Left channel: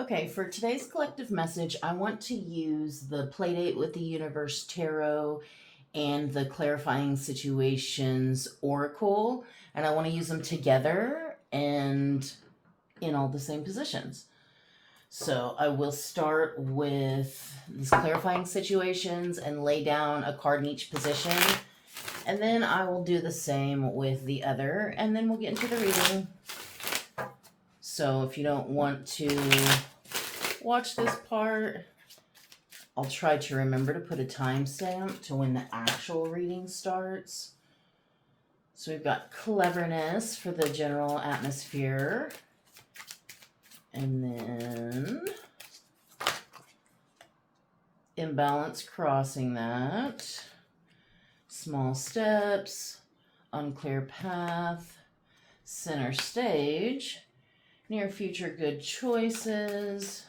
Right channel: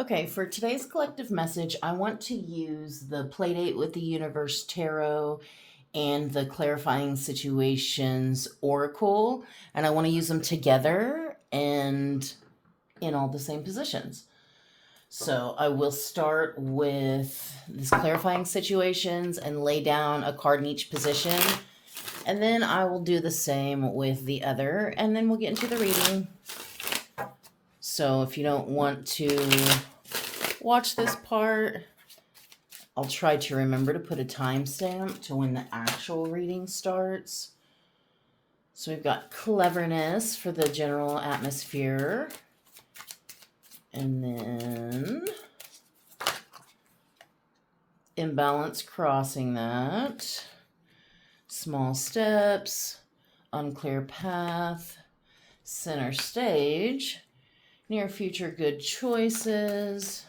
Okay, for today's collective message, I want to use the Playdate with the Universe Tarot and the Clarifying Situations Oracle, and I want to use them together and in all the same positions. So I will start with these clarifying situations and lay down a card in each position, and then I will do the same with the other, and then we'll get into the reading. So if you don't want to watch this part, I'll try to remember to put a timestamp to when the actual reading starts. So we've got cleverness for the general atmosphere. And then imbalance crossing that. Small steps. Unclear path. Center stage. Near future good choices.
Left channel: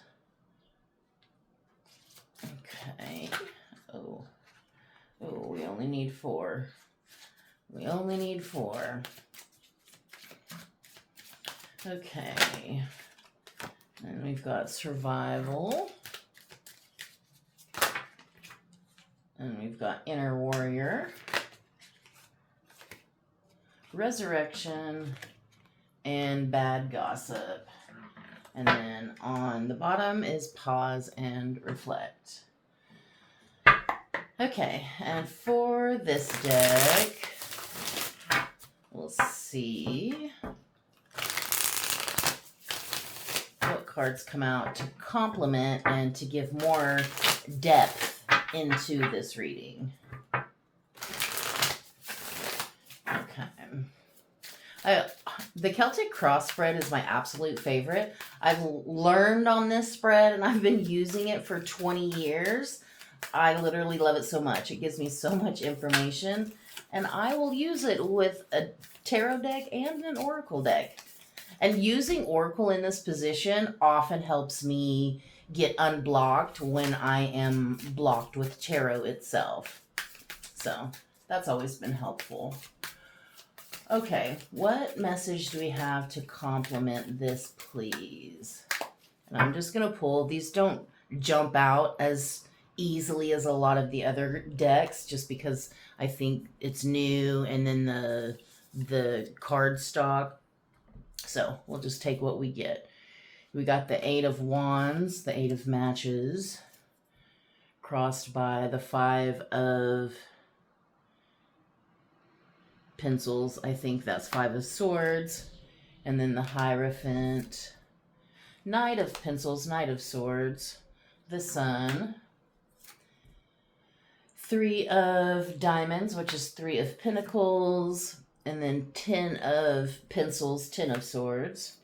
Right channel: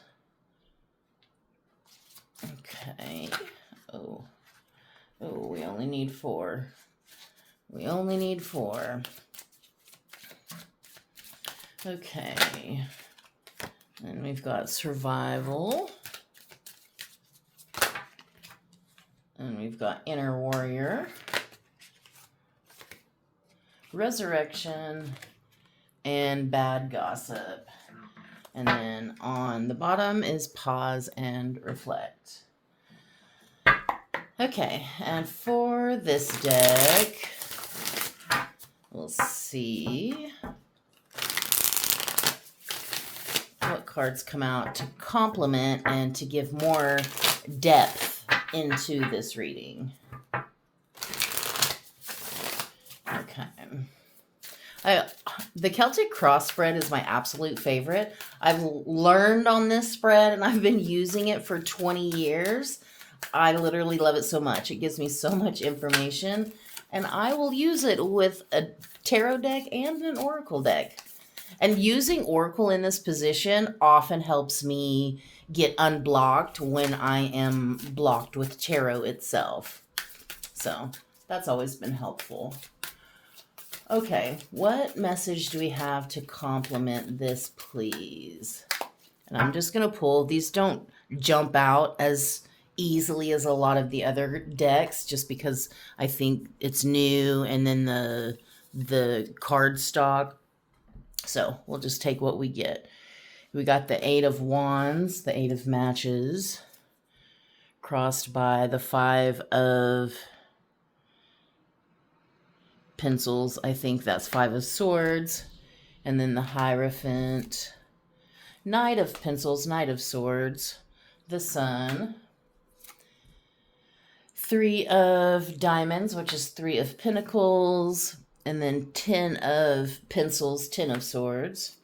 Okay. Oh, we only need 4. We only need 4. Okay. And we've got survival. And we've got inner warrior. Resurrection. And bad gossip. And then on the bottom is pause and reflect. Okay, and for this deck, we'll see what cards come out to complement and to give more depth into this reading. Okay. The Celtic cross spread is my absolute favorite. I've learned on this spread and I've been using it for 20 years. I literally love it so much. It gives me so much information, and I will use it with a tarot deck and an oracle deck. And using oracle in this position often helps me get unblocked when I am blocked with tarot itself. So that's always been helpful. Okay, what message do we have to complement this, please? And I'm just going to pull. These don't jump out as easily as a lot of the other decks, just because I think it's new, and then the card stock. So we'll just take what we get. We got the 8 of Wands, the 8 of Matches, crossed by the 5 of Pencils. I think that's 5 of Swords. And then the Hierophant, Knight of Pencils, Knight of Swords, the Sun, 3 of Diamonds, which is 3 of Pentacles, and then 10 of Pencils, 10 of Swords,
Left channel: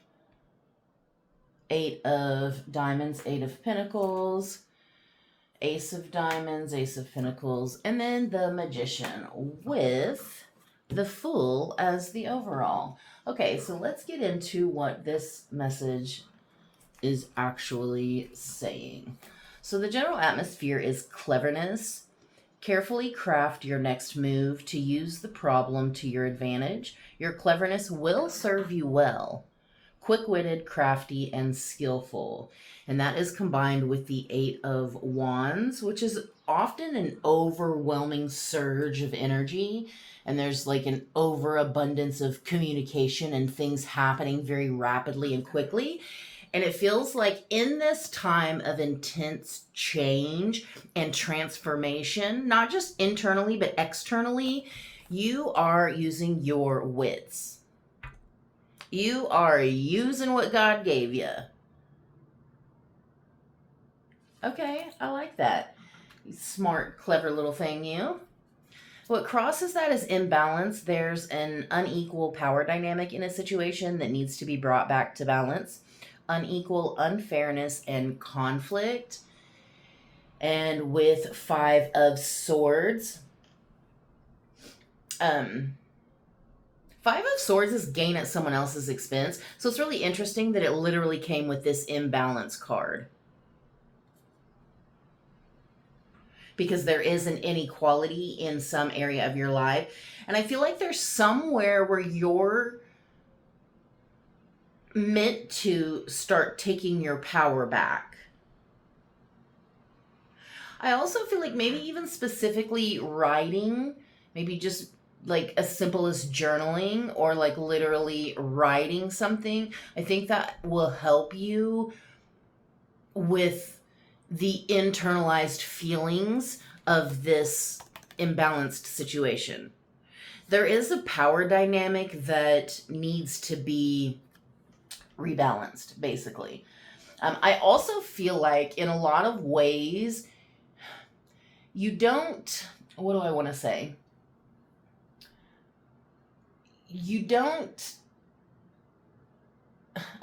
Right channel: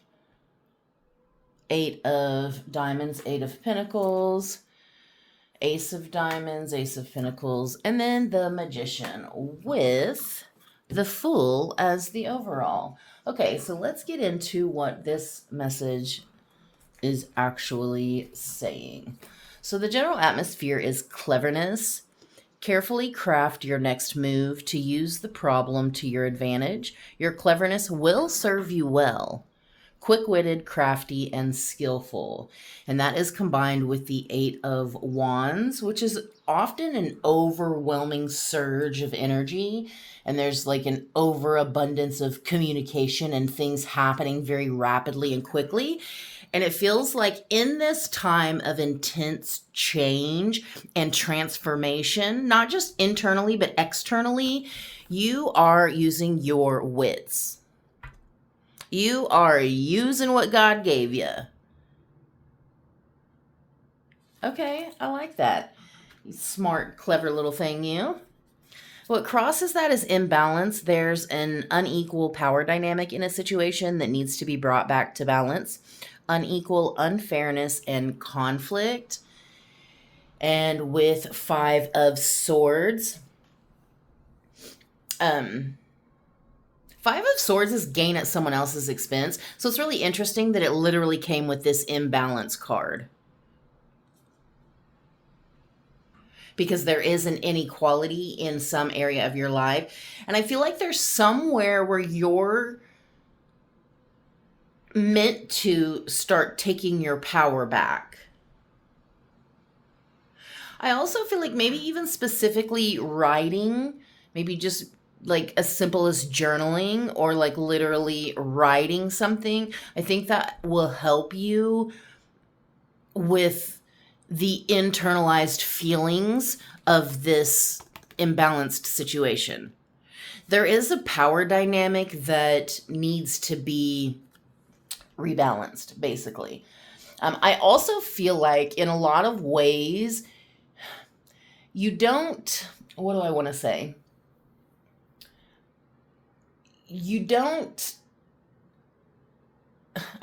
8 of Diamonds, 8 of Pentacles, Ace of Diamonds, Ace of Pentacles, and then the Magician with the Fool as the overall. Okay, so let's get into what this message is actually saying. So the general atmosphere is cleverness. Carefully craft your next move to use the problem to your advantage. Your cleverness will serve you well. Quick-witted, crafty, and skillful. And that is combined with the 8 of Wands, which is often an overwhelming surge of energy. And there's like an overabundance of communication and things happening very rapidly and quickly. And it feels like in this time of intense change and transformation, not just internally, but externally, you are using your wits. You are using what God gave you. Okay, I like that. You smart, clever little thing, you. What crosses that is imbalance. There's an unequal power dynamic in a situation that needs to be brought back to balance. Unequal unfairness and conflict. And with 5 of Swords, 5 of Swords is gain at someone else's expense. So it's really interesting that it literally came with this imbalance card. Because there is an inequality in some area of your life. And I feel like there's somewhere where you're meant to start taking your power back. I also feel like maybe even specifically writing, maybe just like as simple as journaling or like literally writing something, I think that will help you with the internalized feelings of this imbalanced situation. There is a power dynamic that needs to be rebalanced, basically. I also feel like in a lot of ways, you don't, what do I want to say? You don't,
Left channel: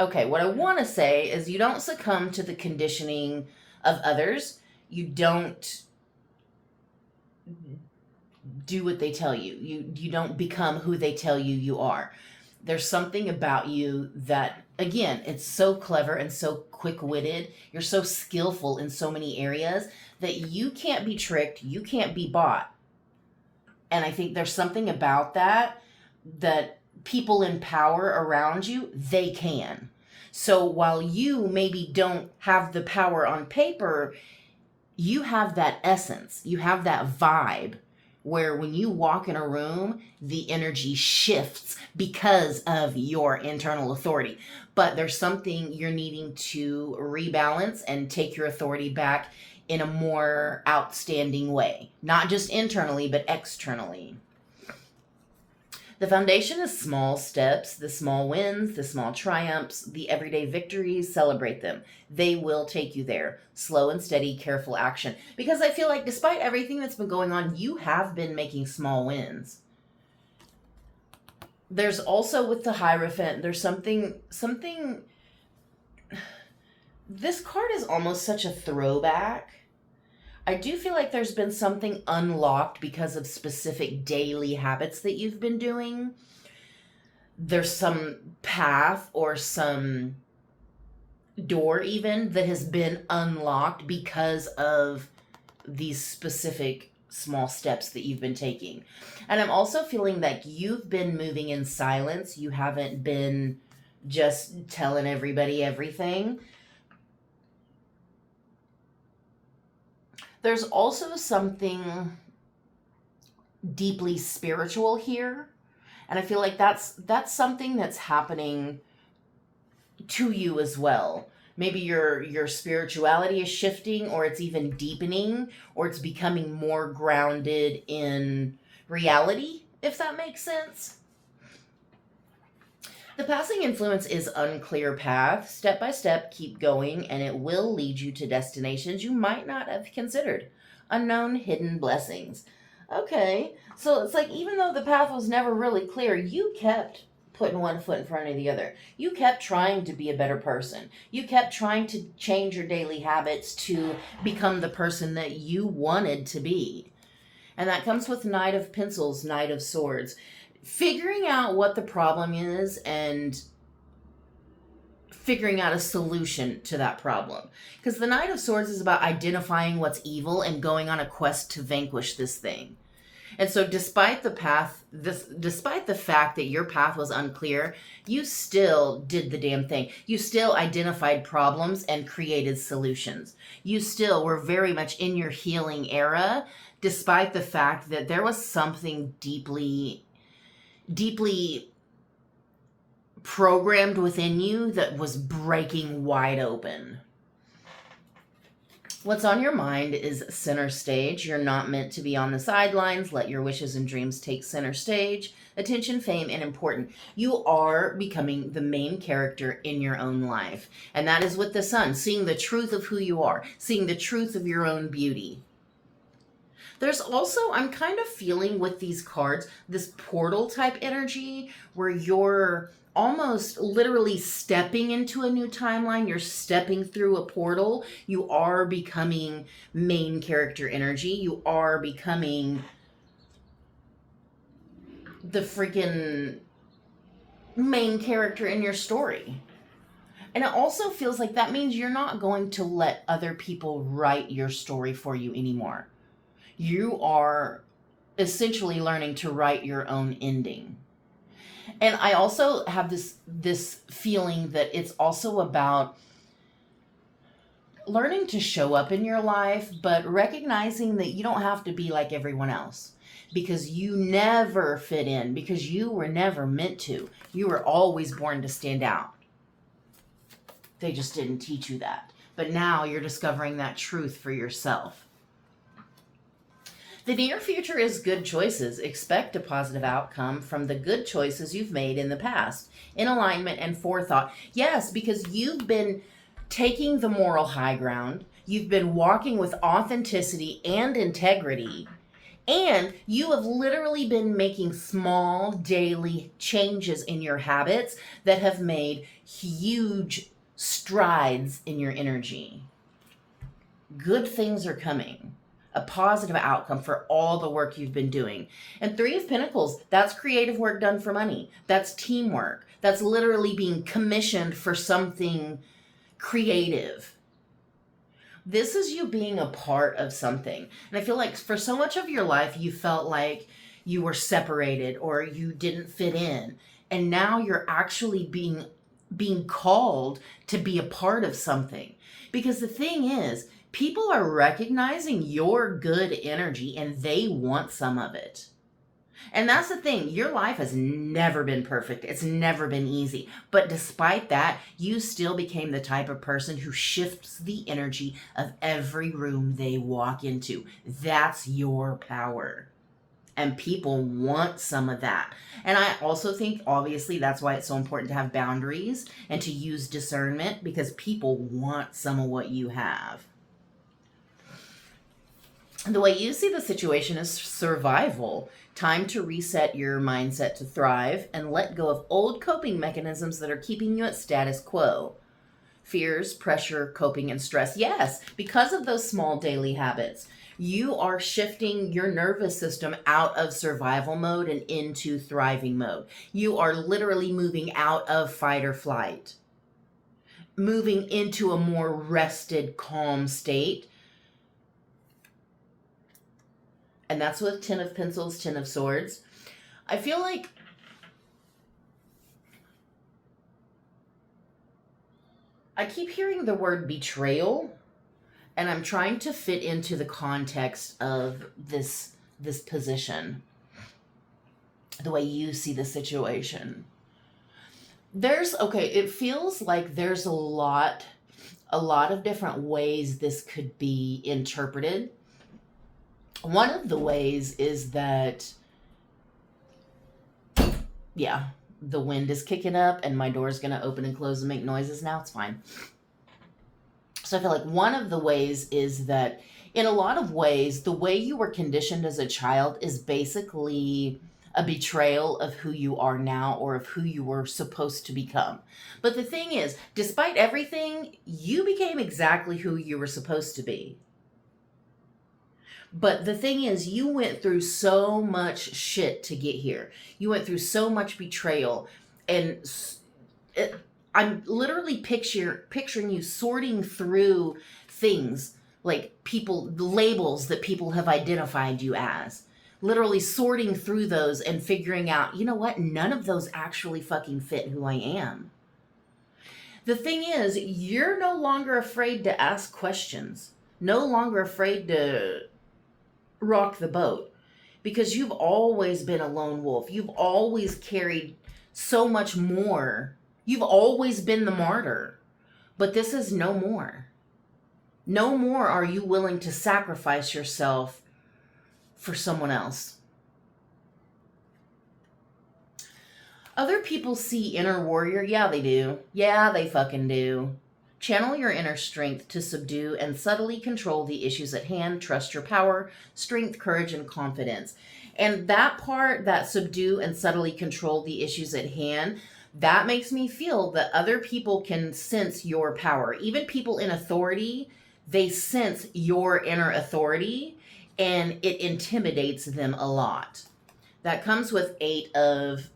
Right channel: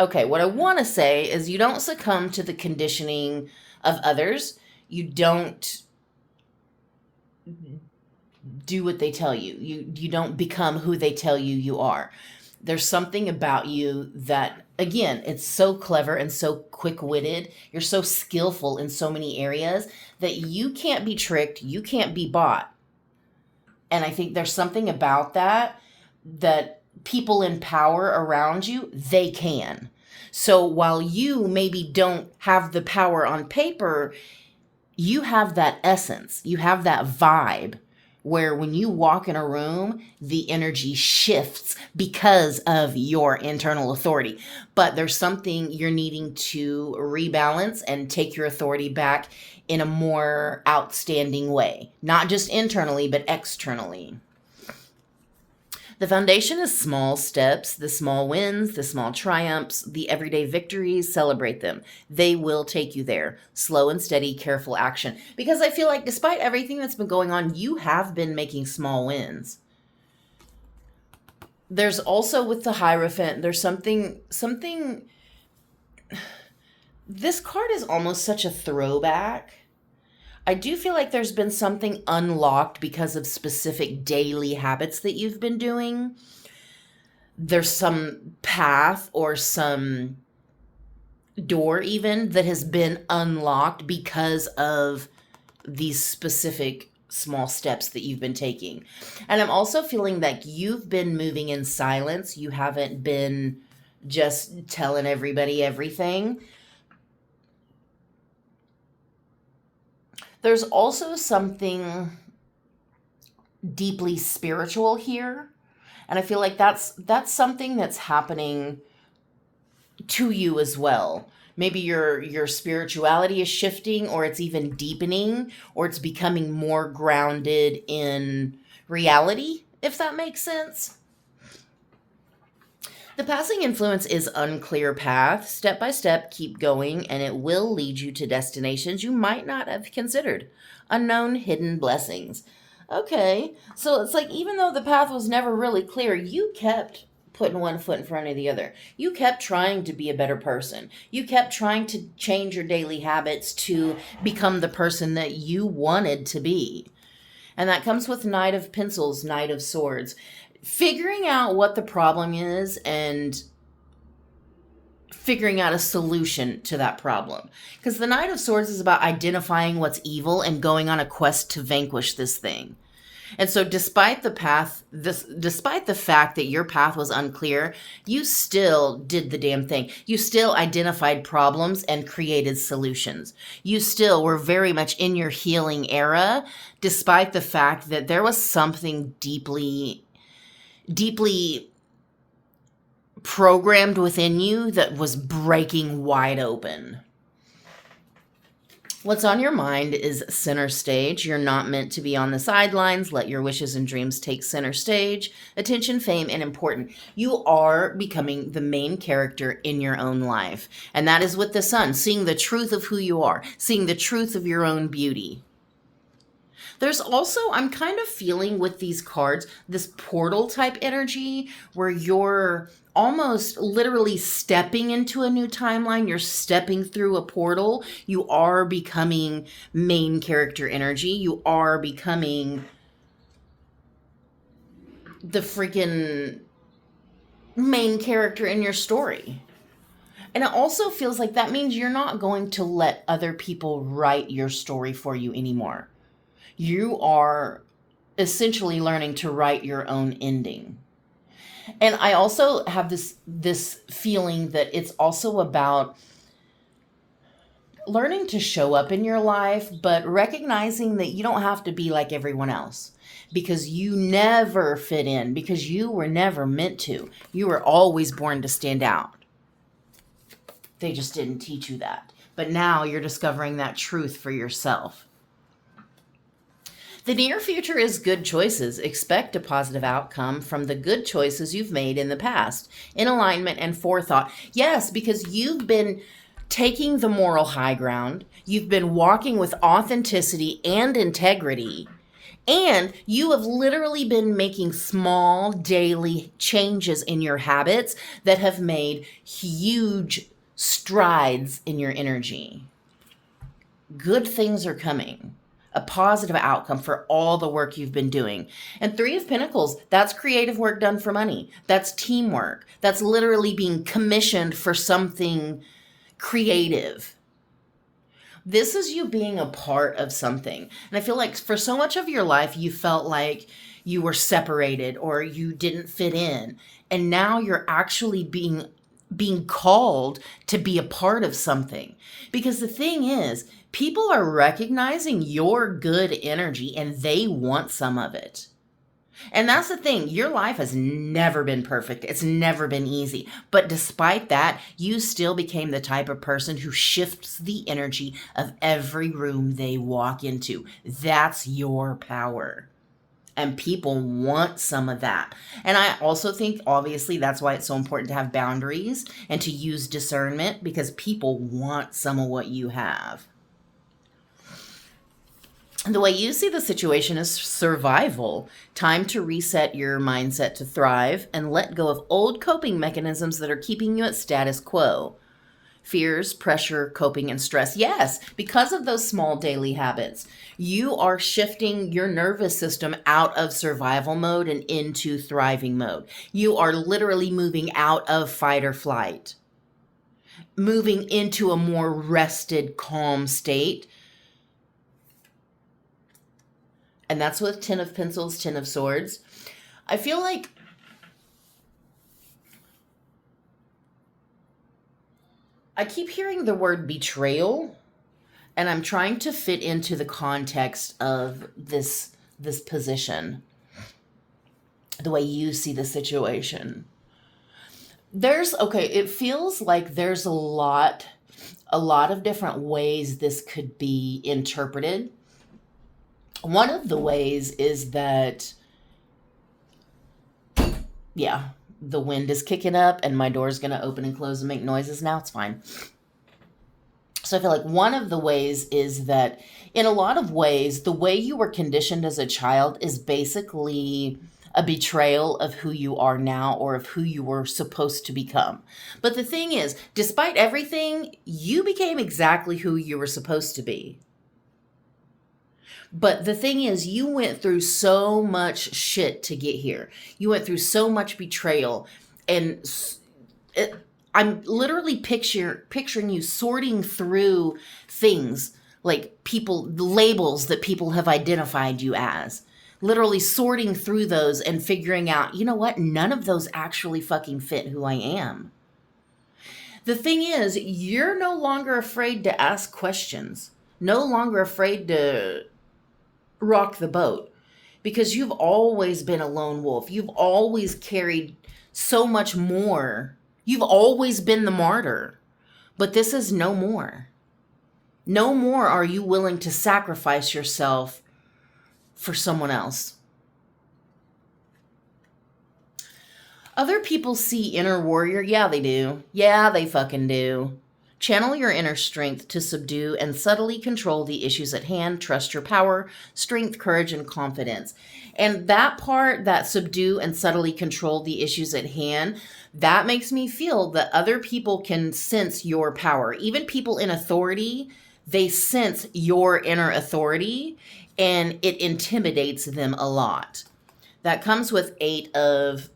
okay, what I want to say is you don't succumb to the conditioning of others. You don't do what they tell you. You don't become who they tell you you are. There's something about you that, again, it's so clever and so quick-witted. You're so skillful in so many areas that you can't be tricked, you can't be bought. And I think there's something about that people in power around you, they can. So while you maybe don't have the power on paper, you have that essence, you have that vibe where when you walk in a room, the energy shifts because of your internal authority. But there's something you're needing to rebalance and take your authority back in a more outstanding way, not just internally, but externally. The foundation is small steps, the small wins, the small triumphs, the everyday victories. Celebrate them. They will take you there. Slow and steady, careful action. Because I feel like despite everything that's been going on, you have been making small wins. There's also with the Hierophant, there's something, this card is almost such a throwback. I do feel like there's been something unlocked because of specific daily habits that you've been doing. There's some path or some door even that has been unlocked because of these specific small steps that you've been taking. And I'm also feeling that you've been moving in silence. You haven't been just telling everybody everything. There's also something deeply spiritual here. And I feel like that's something that's happening to you as well. Maybe your spirituality is shifting, or it's even deepening, or it's becoming more grounded in reality, if that makes sense. The passing influence is unclear path. Step by step, keep going, and it will lead you to destinations you might not have considered. Unknown, hidden blessings. Okay, so it's like even though the path was never really clear, you kept putting one foot in front of the other. You kept trying to be a better person. You kept trying to change your daily habits to become the person that you wanted to be. And that comes with Knight of Pencils, Knight of Swords. Figuring out what the problem is and figuring out a solution to that problem. Because the Knight of Swords is about identifying what's evil and going on a quest to vanquish this thing. And so despite the fact that your path was unclear, you still did the damn thing. You still identified problems and created solutions. You still were very much in your healing era, despite the fact that there was something deeply programmed within you that was breaking wide open. What's on your mind is center stage. You're not meant to be on the sidelines. Let your wishes and dreams take center stage. Attention, fame, and important. You are becoming the main character in your own life. And that is with the sun, seeing the truth of who you are, seeing the truth of your own beauty. There's also, I'm kind of feeling with these cards, this portal type energy where you're almost literally stepping into a new timeline. You're stepping through a portal. You are becoming main character energy. You are becoming the freaking main character in your story. And it also feels like that means you're not going to let other people write your story for you anymore. You are essentially learning to write your own ending. And I also have this feeling that it's also about learning to show up in your life, but recognizing that you don't have to be like everyone else, because you never fit in, because you were never meant to. You were always born to stand out. They just didn't teach you that. But now you're discovering that truth for yourself. The near future is good choices. Expect a positive outcome from the good choices you've made in the past, in alignment and forethought. Yes, because you've been taking the moral high ground. You've been walking with authenticity and integrity. And you have literally been making small daily changes in your habits that have made huge strides in your energy. Good things are coming. A positive outcome for all the work you've been doing. And Three of Pentacles, that's creative work done for money. That's teamwork. That's literally being commissioned for something creative. This is you being a part of something. And I feel like for so much of your life, you felt like you were separated or you didn't fit in. And now you're actually being called to be a part of something. Because the thing is, people are recognizing your good energy and they want some of it. And that's the thing. Your life has never been perfect. It's never been easy. But despite that, you still became the type of person who shifts the energy of every room they walk into. That's your power. And people want some of that. And I also think, obviously, that's why it's so important to have boundaries and to use discernment, because people want some of what you have. The way you see the situation is survival. Time to reset your mindset to thrive and let go of old coping mechanisms that are keeping you at status quo. Fears, pressure, coping, and stress. Yes, because of those small daily habits, you are shifting your nervous system out of survival mode and into thriving mode. You are literally moving out of fight or flight, moving into a more rested, calm state. And that's with Ten of Pentacles, Ten of Swords. I feel like I keep hearing the word betrayal, and I'm trying to fit into the context of this position, the way you see the situation. It feels like there's a lot of different ways this could be interpreted. One of the ways is that, yeah, the wind is kicking up and my door's going to open and close and make noises now. It's fine. So I feel like one of the ways is that in a lot of ways, the way you were conditioned as a child is basically a betrayal of who you are now or of who you were supposed to become. But the thing is, despite everything, you became exactly who you were supposed to be. But the thing is, you went through so much shit to get here. You went through so much betrayal. And I'm literally picturing you sorting through things like the labels that people have identified you as. Literally sorting through those and figuring out, you know what? None of those actually fucking fit who I am. The thing is, you're no longer afraid to ask questions. No longer afraid to rock the boat, because you've always been a lone wolf. You've always carried so much more. You've always been the martyr, but this is no more. No more are you willing to sacrifice yourself for someone else. Other people see inner warrior. Yeah, they do. Yeah, they fucking do. Channel your inner strength to subdue and subtly control the issues at hand. Trust your power, strength, courage, and confidence. And that part, that subdue and subtly control the issues at hand, that makes me feel that other people can sense your power. Even people in authority, they sense your inner authority, and it intimidates them a lot. That comes with Eight of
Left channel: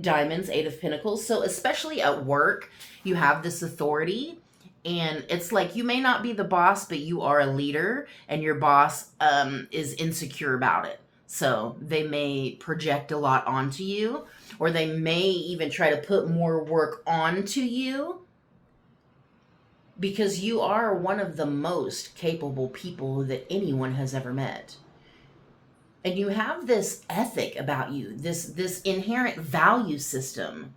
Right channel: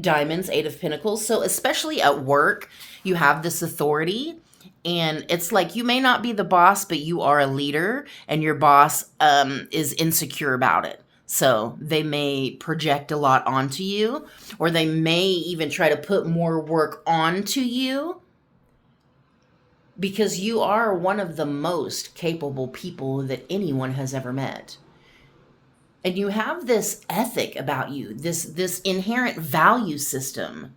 Diamonds, Eight of Pentacles. So especially at work, you have this authority, and it's like you may not be the boss, but you are a leader, and your boss is insecure about it. So they may project a lot onto you, or they may even try to put more work onto you, because you are one of the most capable people that anyone has ever met. And you have this ethic about you, this inherent value system,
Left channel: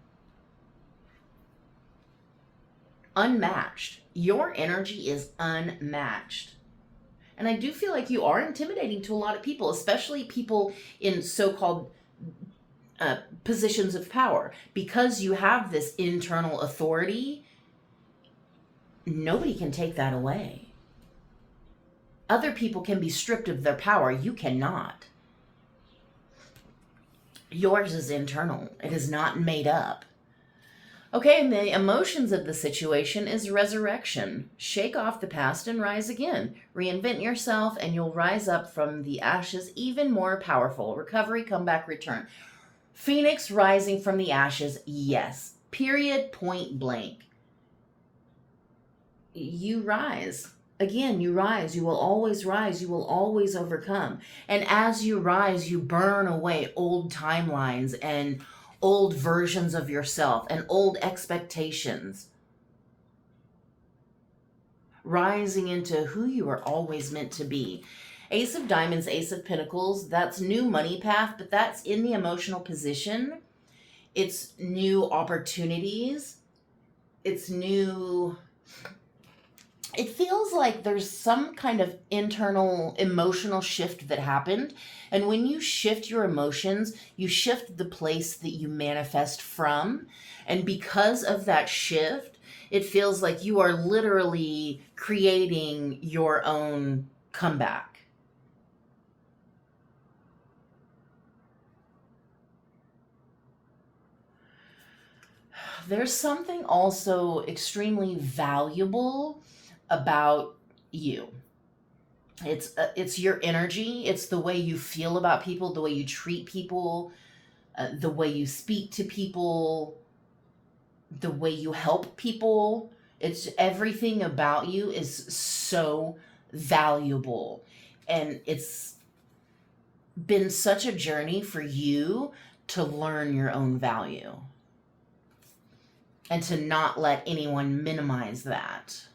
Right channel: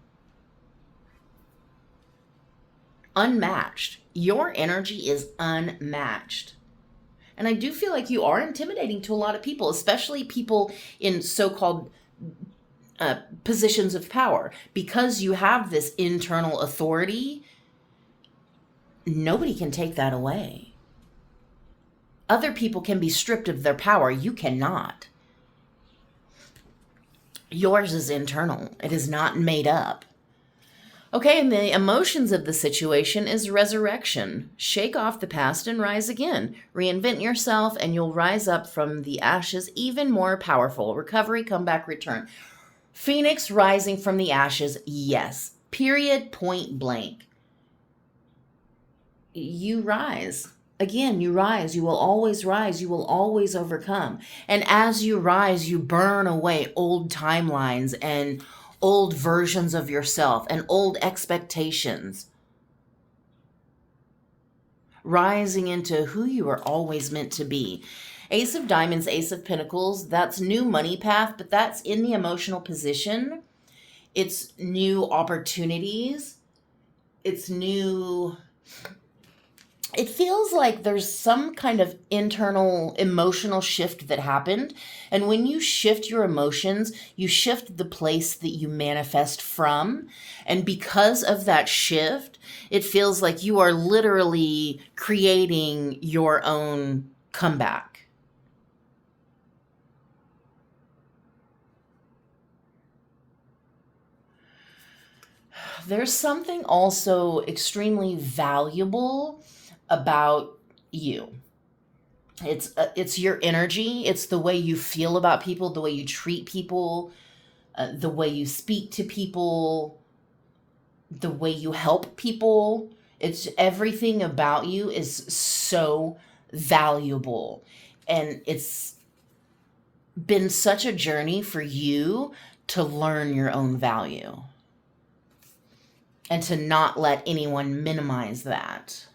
unmatched. Your energy is unmatched. And I do feel like you are intimidating to a lot of people, especially people in so-called positions of power. Because you have this internal authority, nobody can take that away. Other people can be stripped of their power. You cannot. Yours is internal. It is not made up. Okay, and the emotions of the situation is resurrection. Shake off the past and rise again. Reinvent yourself and you'll rise up from the ashes even more powerful. Recovery, comeback, return. Phoenix rising from the ashes, yes. Period, point blank. You rise. Again, you rise. You will always rise. You will always overcome. And as you rise, you burn away old timelines and old versions of yourself and old expectations, rising into who you are always meant to be. Ace of Diamonds, Ace of Pentacles, that's new money path, but that's in the emotional position. It's new opportunities. It's new... It feels like there's some kind of internal emotional shift that happened. And when you shift your emotions, you shift the place that you manifest from. And because of that shift, it feels like you are literally creating your own comeback. There's something also extremely valuable about you. It's your energy. It's the way you feel about people, the way you treat people, the way you speak to people, the way you help people. It's everything about you is so valuable. And it's been such a journey for you to learn your own value and to not let anyone minimize that.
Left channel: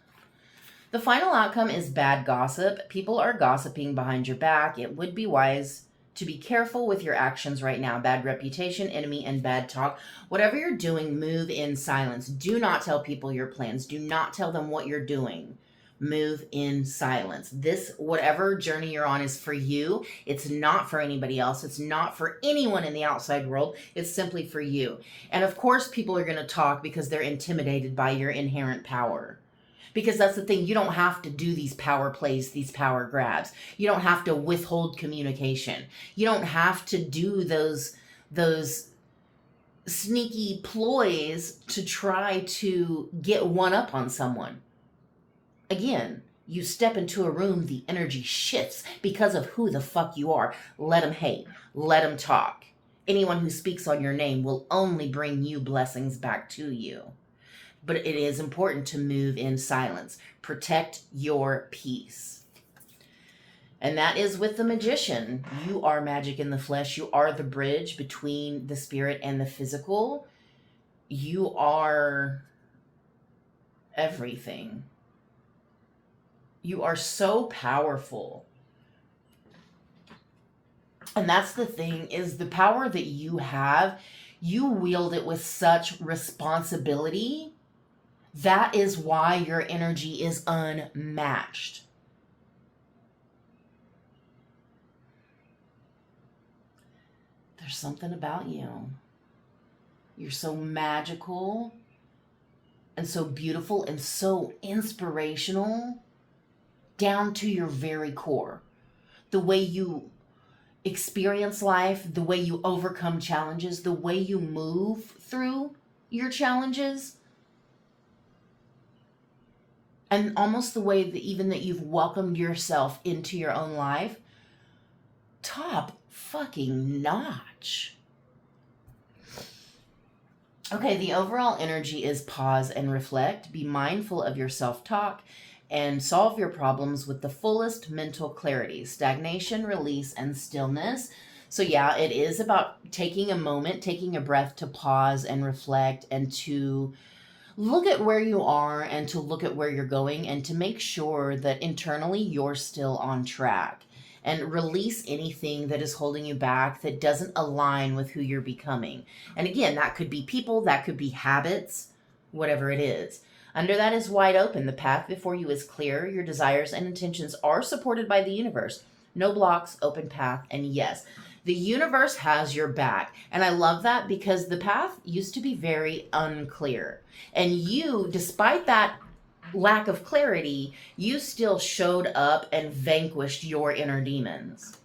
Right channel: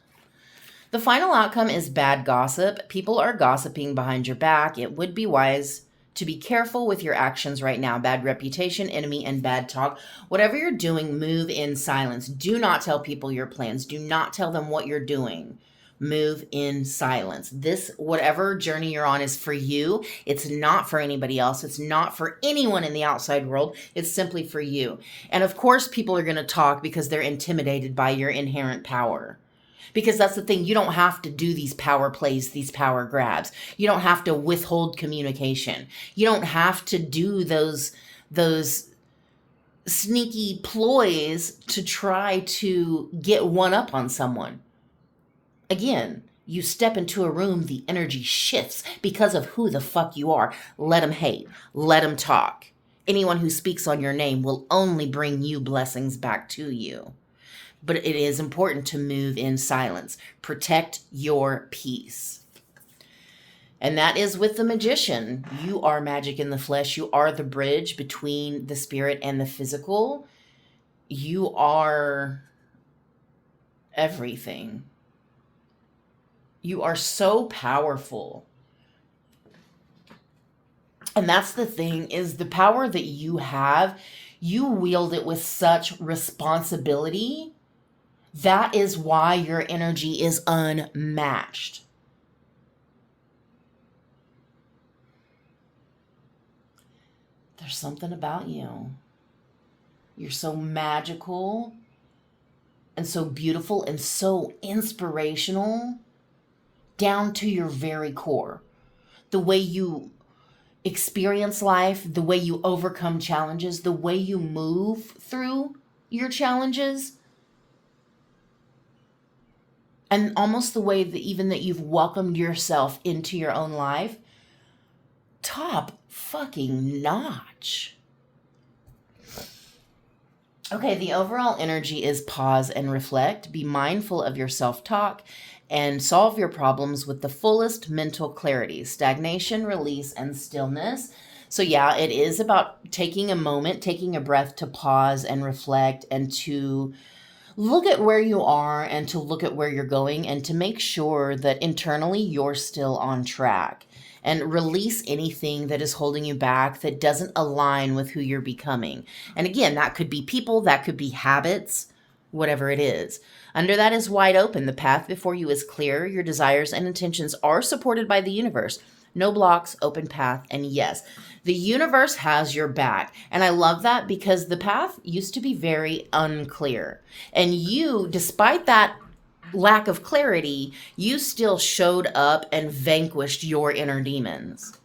The final outcome is bad gossip. People are gossiping behind your back. It would be wise to be careful with your actions right now. Bad reputation, enemy, and bad talk. Whatever you're doing, move in silence. Do not tell people your plans. Do not tell them what you're doing. Move in silence. This, whatever journey you're on, is for you. It's not for anybody else. It's not for anyone in the outside world. It's simply for you. And of course, people are going to talk because they're intimidated by your inherent power. Because that's the thing, you don't have to do these power plays, these power grabs. You don't have to withhold communication. You don't have to do those sneaky ploys to try to get one up on someone. Again, you step into a room, the energy shifts because of who the fuck you are. Let them hate. Let them talk. Anyone who speaks on your name will only bring you blessings back to you. But it is important to move in silence. Protect your peace. And that is with the Magician. You are magic in the flesh. You are the bridge between the spirit and the physical. You are everything. You are so powerful. And that's the thing, is the power that you have, you wield it with such responsibility. That is why your energy is unmatched. There's something about you. You're so magical and so beautiful and so inspirational down to your very core. The way you experience life, the way you overcome challenges, the way you move through your challenges. And almost the way that even that you've welcomed yourself into your own life. Top fucking notch. Okay, the overall energy is pause and reflect. Be mindful of your self-talk and solve your problems with the fullest mental clarity. Stagnation, release, and stillness. So yeah, it is about taking a moment, taking a breath to pause and reflect and to look at where you are and to look at where you're going and to make sure that internally you're still on track and release anything that is holding you back that doesn't align with who you're becoming. And again, that could be people, that could be habits, whatever it is. Under that is wide open. The path before you is clear. Your desires and intentions are supported by the universe. No blocks, open path, and yes, the universe has your back. And I love that because the path used to be very unclear. And you, despite that lack of clarity, you still showed up and vanquished your inner demons.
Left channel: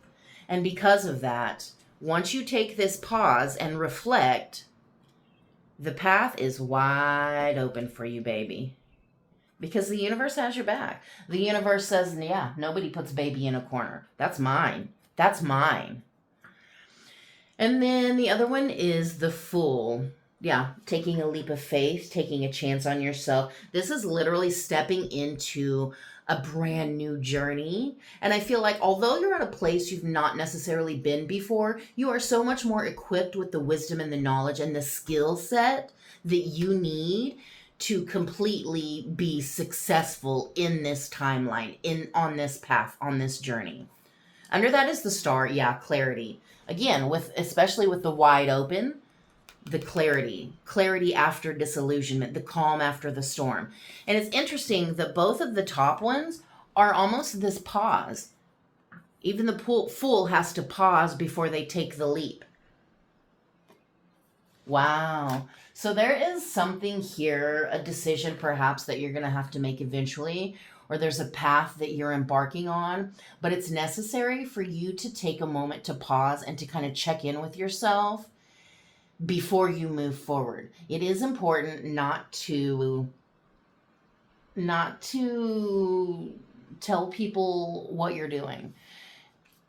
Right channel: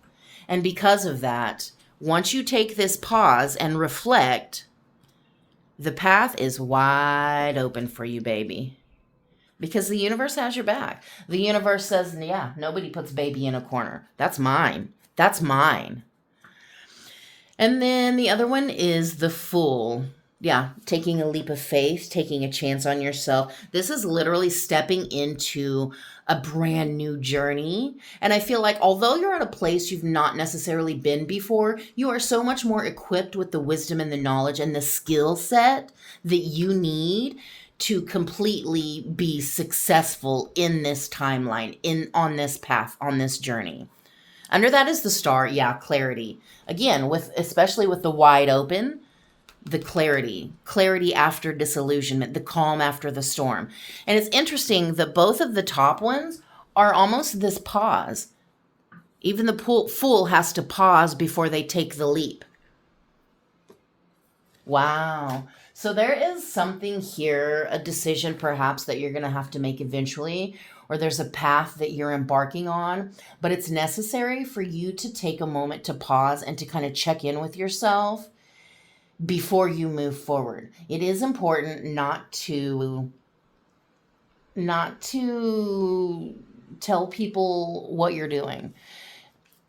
And because of that, once you take this pause and reflect, the path is wide open for you, baby. Because the universe has your back. The universe says, yeah, nobody puts baby in a corner. That's mine. That's mine. And then the other one is the Fool. Yeah, taking a leap of faith, taking a chance on yourself. This is literally stepping into a brand new journey. And I feel like although you're at a place you've not necessarily been before, you are so much more equipped with the wisdom and the knowledge and the skill set that you need to completely be successful in this timeline, on this path, on this journey. Under that is the Star. Yeah, clarity. Again, especially with the wide open, the clarity after disillusionment, the calm after the storm. And it's interesting that both of the top ones are almost this pause. Even the Fool has to pause before they take the leap. Wow. So there is something here, a decision perhaps that you're going to have to make eventually, or there's a path that you're embarking on, but it's necessary for you to take a moment to pause and to kind of check in with yourself before you move forward. It is important not to tell people what you're doing.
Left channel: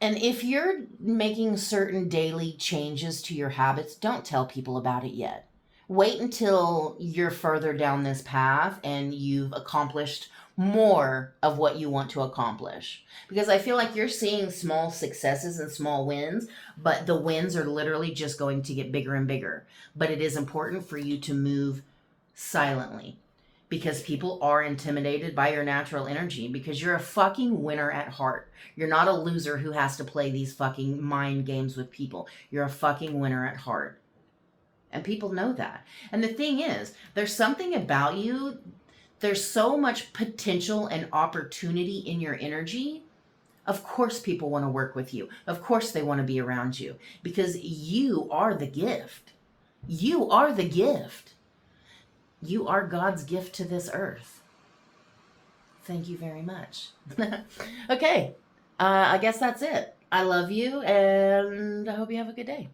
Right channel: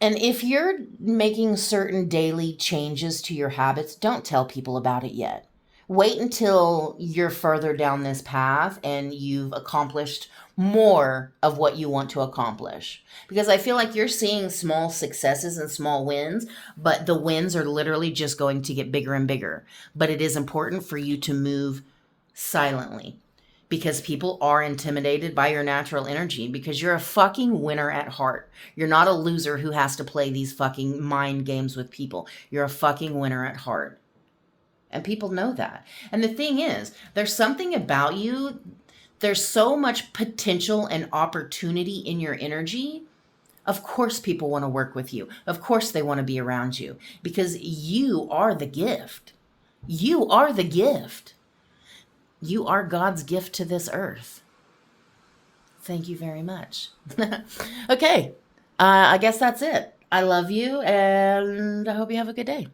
And if you're making certain daily changes to your habits, don't tell people about it yet. Wait until you're further down this path and you've accomplished more of what you want to accomplish. Because I feel like you're seeing small successes and small wins, but the wins are literally just going to get bigger and bigger. But it is important for you to move silently, because people are intimidated by your natural energy, because you're a fucking winner at heart. You're not a loser who has to play these fucking mind games with people. You're a fucking winner at heart. And people know that. And the thing is, there's something about you, there's so much potential and opportunity in your energy. Of course people want to work with you. Of course they want to be around you, because you are the gift. You are the gift. You are God's gift to this earth. Thank you very much. Okay, I guess that's it. I love you, and I hope you have a good day.